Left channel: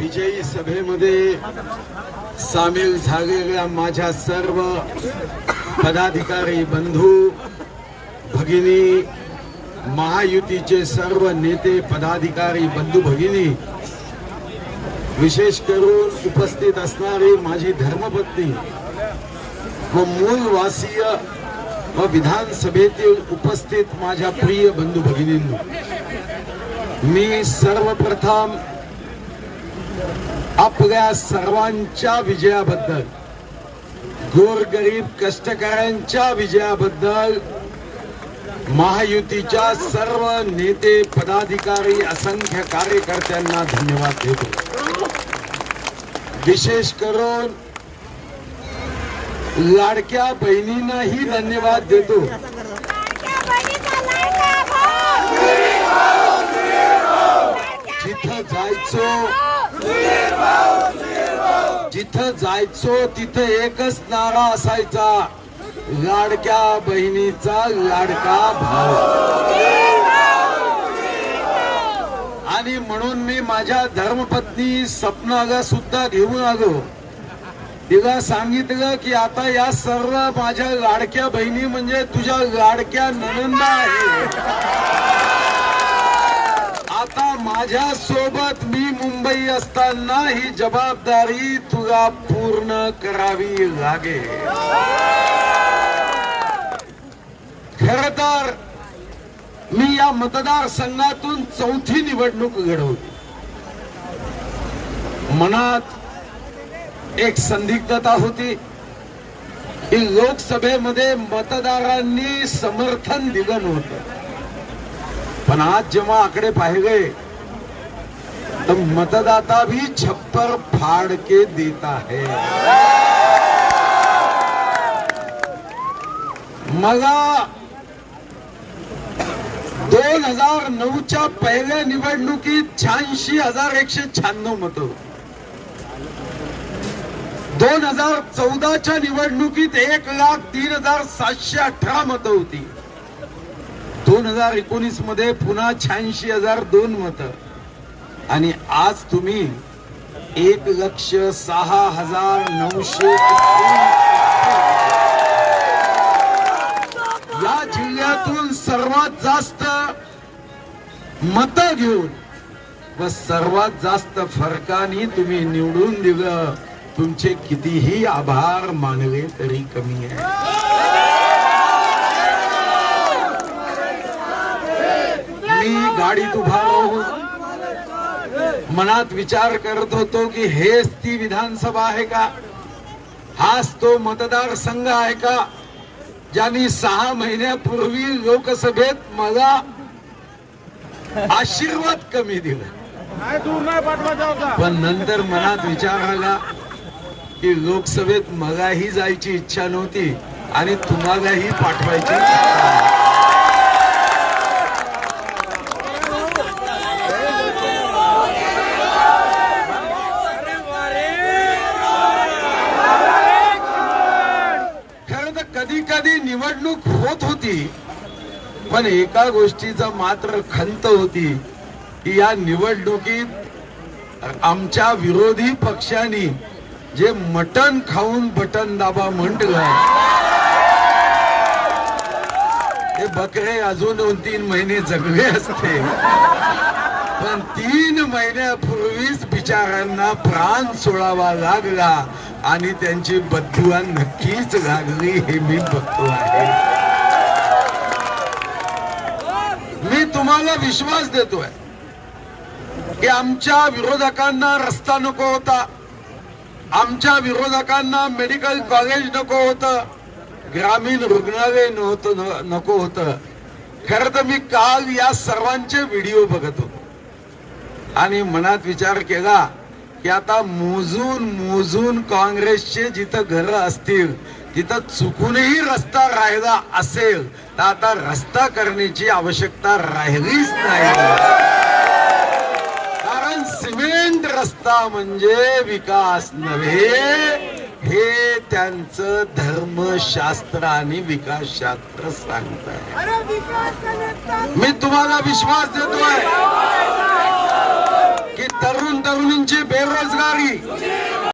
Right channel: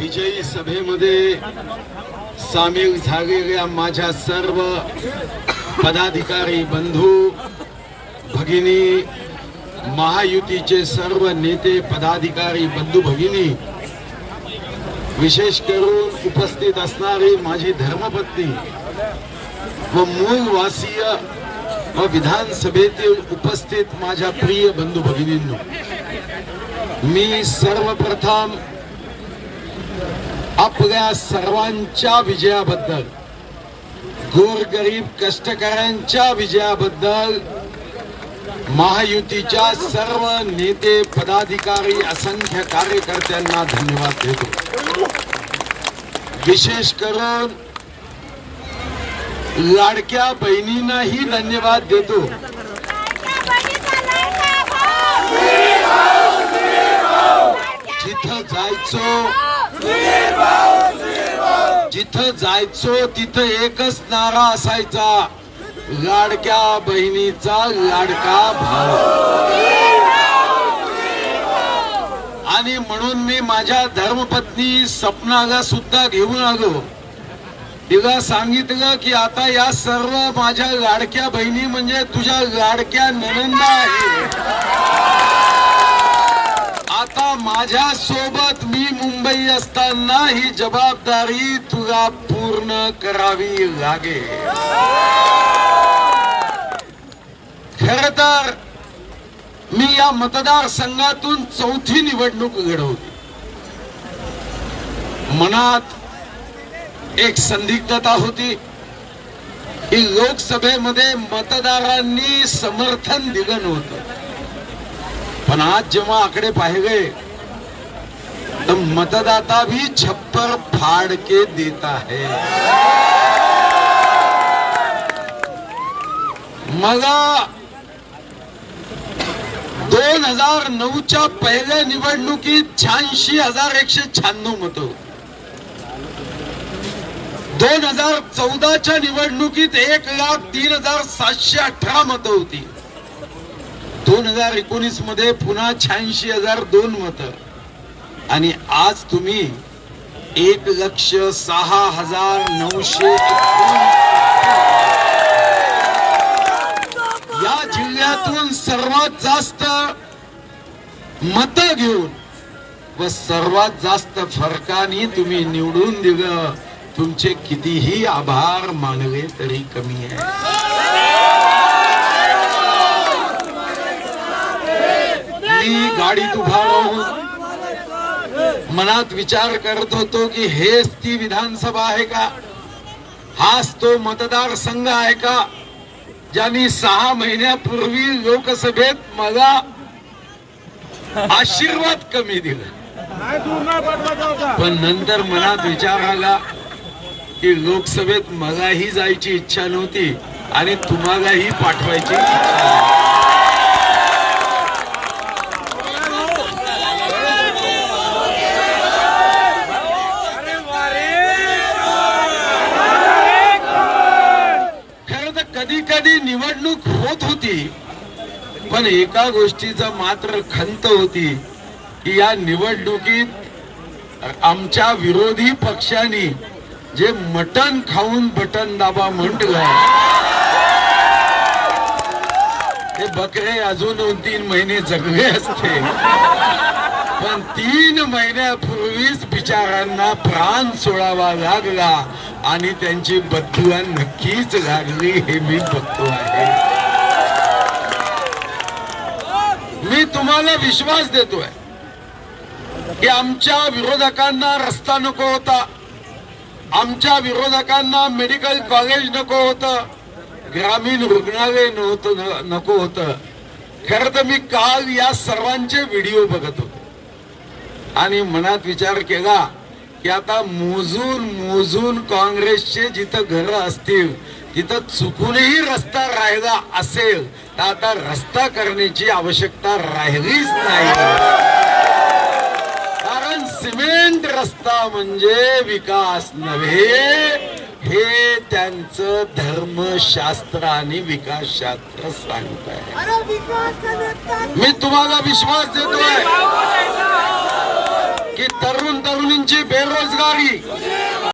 विजयी सभेमध्ये सामील झालेल्या माझ्या सर्व पदाधिकारी बंधू भगिनी महायुतीचे सर्व नेते पदाधिकारी बंधू भगिनी विशेष करून उपस्थित असणारी माझी धर्मपत्नी व मूलवासीय व विधानसभेतील उपस्थित माझ्या प्रिय बंधू भगिनींनो मी सर्वप्रथम आपल्या सर्वांच्या विजयाबद्दल गोरगरीब कष्टकऱ्यांच्या विजयाबद्दल महायुतीच्या सर्व नेते पदाधिकारी असंख्य कार्यकर्त्यांना धन्यवाद देतो. विशेष करून लाडक्या बहिणींनाही धन्यवाद देतो. जिथं जायचो जिथं जायचो तिथं एकच नारा असायचा लाडक्या बहिणीचा लाडका भाऊ. आणि म्हणून मी माझ्या धर्मपत्नी सपनाला सुद्धा घेऊन आलो. तिला सांगितलं की आता या सर्व माझ्या लाडक्या बहिणी म्हणजे तुझ्या लाडक्या ननंदा आहे माझ्या सोबत मी मुंबई असताना ही जबाबदारी तुला पूर्ण करावी लागेल. खर तर मी या मतदारसंघातून चौथी निवडणूक घडवली मनात एक संदिग्धता होती की लोकसभेमध्ये मतदारांनी समर्थन दिलं नव्हतं. पण आज जेव्हा आकडे पाहिले तो मतदाता भी छप्पर फाड़ के देता है। मला दोन हजार नऊच्या पहिल्या निवडणुकीत शहाऐंशी हजार एकशे शहाण्णव मत। दोन हजार चौदाच्या निवडणुकीत एक लाख तीन हजार सातशे अठरा मतं होती। दोन हजार एकोणीसमध्ये पुन्हा शहाऐंशी हजार दोन मत। आणि आज तुम्ही एक लक्ष सहा हजार नऊशे या जिल्ह्यातून सर्वात जास्त मत घेऊन व सर्वात जास्त फरकाने तुम्ही निवडून दिलं. तुमचे कितीही आभार मानले तरी कमी आहे. मी गाडीत उभा राहून मनात विचार करत होतो की हेच ती विधानसभा आहे का? हाच तो मतदारसंघ आहे का? ज्यांनी सहा महिन्यापूर्वी लोकसभेत मला आशीर्वाद कमी दिला. पण नंतर मनात विचार आला की लोकसभेत मलाही जायची इच्छा नव्हती आणि तुम्हालाही पाठवायची इच्छा नव्हती. खरं तर निवडणूक होत होती पण एका गोष्टीचा मात्र खंत होती की या निवडणुकीत आमच्या विरोधी पक्षांनी जे मटण खाऊन बटन दाबा म्हटलं ते बकरे अजून दोन तीन महिने जगले असते. पण तीन महिन्यापूर्वीच बिचारांना प्राण सोडावा लागला. आणि त्यांची बद्दुआ नक्कीच लागली हे मी बघतो आहे. मी तुम्हाला विश्वास देतोय की आमच्या विरोधकांना रस्ता नको होता. आमच्या विरोधकांना मेडिकल कॉलेज नको होतं. ग्रामीण रुग्णालय नव्हतं न- नको होतं. खरं तर मी काल या सर्वांचे व्हिडिओ बघत होतो. आणि मनात विचार केला की आता मोजून मोजून काँग्रेसचे जिथं घरं असतील तिथं चुकूनही रस्ता राहिला असेल तर आता रस्ता करण्याची आवश्यकता राहिलीच नाही. कारण सिमेंट रस्ता म्हणजे विकास नव्हे हे त्यांचं धर्मशास्त्र आणि विकासशास्त्र सांगत आहे मी तुम्हाला विश्वास देतोय. ఈ తరుణ్ తరుణించి బేరోజ్గారీ